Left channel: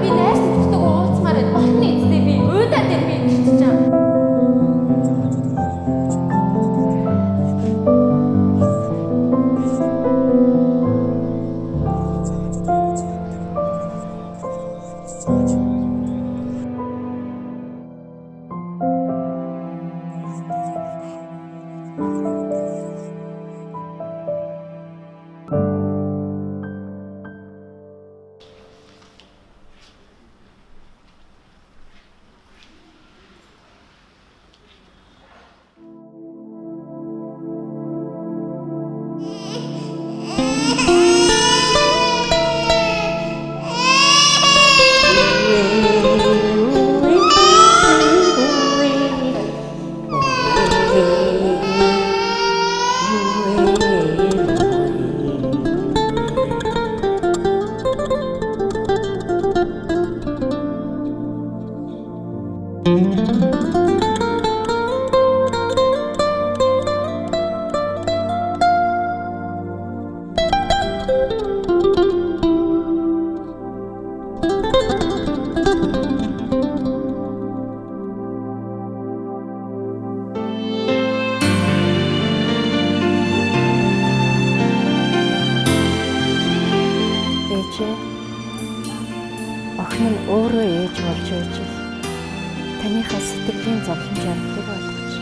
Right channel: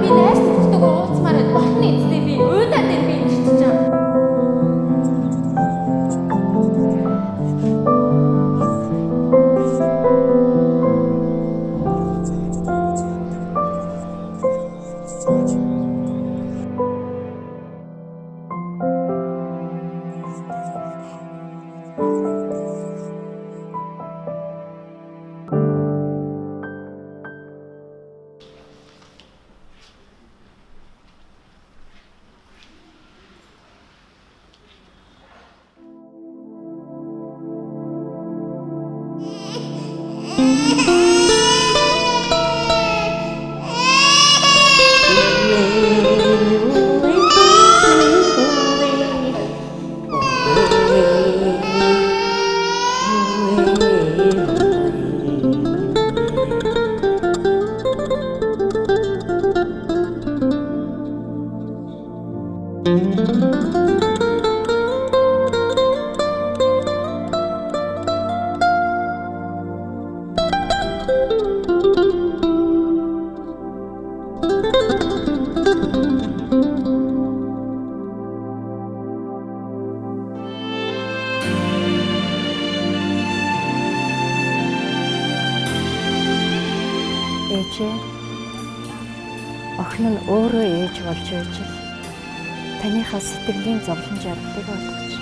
би найрсан төчтэйгөө уулзмаар байд. Болно эцтэй би уйдаад байна би гэрч чам. Ээжээ, охин нь өөрөө ээж болж байж л таныхаа сэтгэлийн зовлон жаргалыг ойлгож.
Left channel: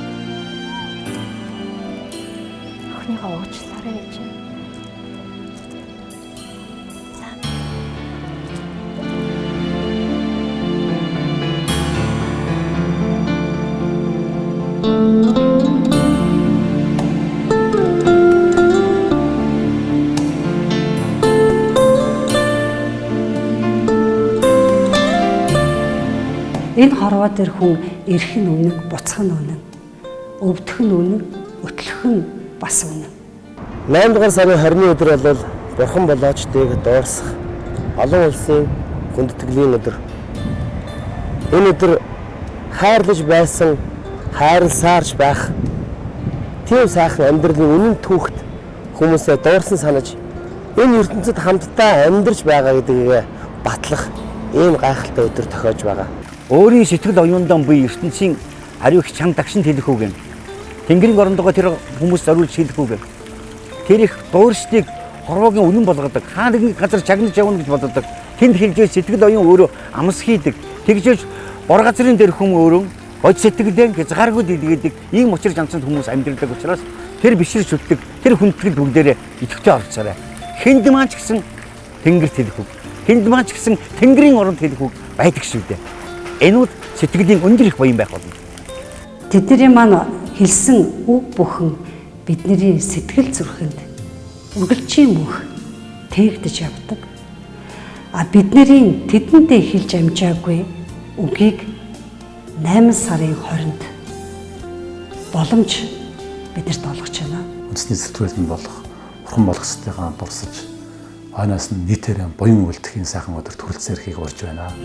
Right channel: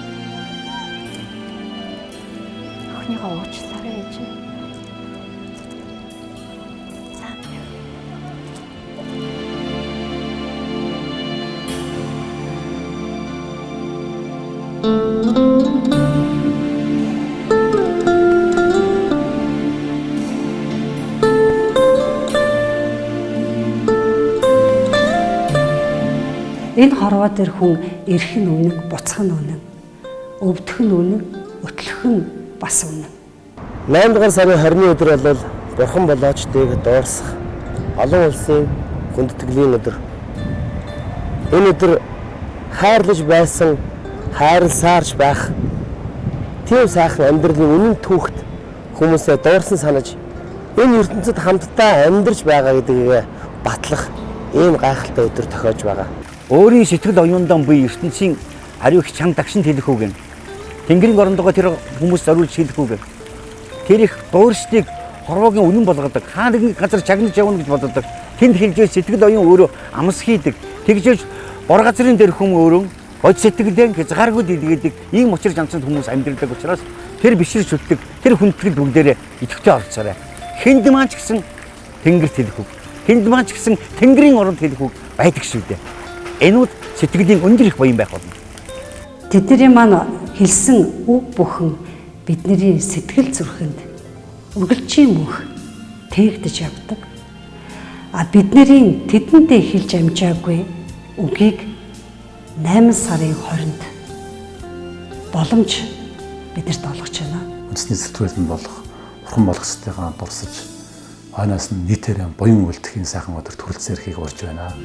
Охиныхоо уучлаарай ээжээ. Энэ хорвоо дээр хүн эрх нь үнэн, буцах нь үнэн, өвдөх нь үнэн, өтлөх нь бас үнэн. 8 дугаар сарын 20-ны өдөр бол бурхан болоочдыг дуурсах олон улсын хүндэтгэлийн өдөр. Энэ өдөр хайрлаж байсан, хайрласаарч байх тийм сайхан амьдралын үнэн түүхт хүмүүсээ дуурсан санаж энэ ертөнцид хамтдаа амьдарч байгаа гэдгийг батлах ийм гайхалтай өдөр тохиож байгаа. Өөрийн сэтгэл оюундаа буй ертөнцийн ариу их чанга дагшин хэлэх үг юм. Тэнгэрийн орондоо тэр хүмүүс зориулж хэлэх үг юм. Тэр их дууршдыг хорвоогийн үнэн болгодог. Хаа нэгэн газар чагнаж явна гэж боддог. Тэнд хэлжээ сэтгэл оюун өөрөө амс хийдэг. Тэгжээж бор газрын дээр хүм өөрөө гож сэтгэлдээ хязгааргүй дэлгэдэг. Ийм учир жанцанд хүмүүс амьдрдаг учраас тэр биширч үлддэг. Тэр хүндэтгэл бүгдээрээ идэвхтэй орцоорой. Хэнд маань ч гэсэн тэнгэрт хэлэх үг. Хэнд маань ч гэсэн тэнгэрийн оронд хэлэх үг байдаг шүү дээ. Энүүд сэтгэлийн өндөр их буян байх болно. Тэдний маань хэлсэн үг бүхэн бидний сэтгэл зүрхэнд үргэлжийн мөнх тээгдэж явдаг. Бидний тэдэндээ хэлж амжаагүй үгийг 8 сарын 20-нд боломж бидэрт олгож байна. Үндэсний сэтгүүлд нь болох бурхан болох ёстойгоо дурсаж хойноос нь нийтээрээ буян үлдэхийн сайхан өдөр төрөлцөөрхийг урьж байна.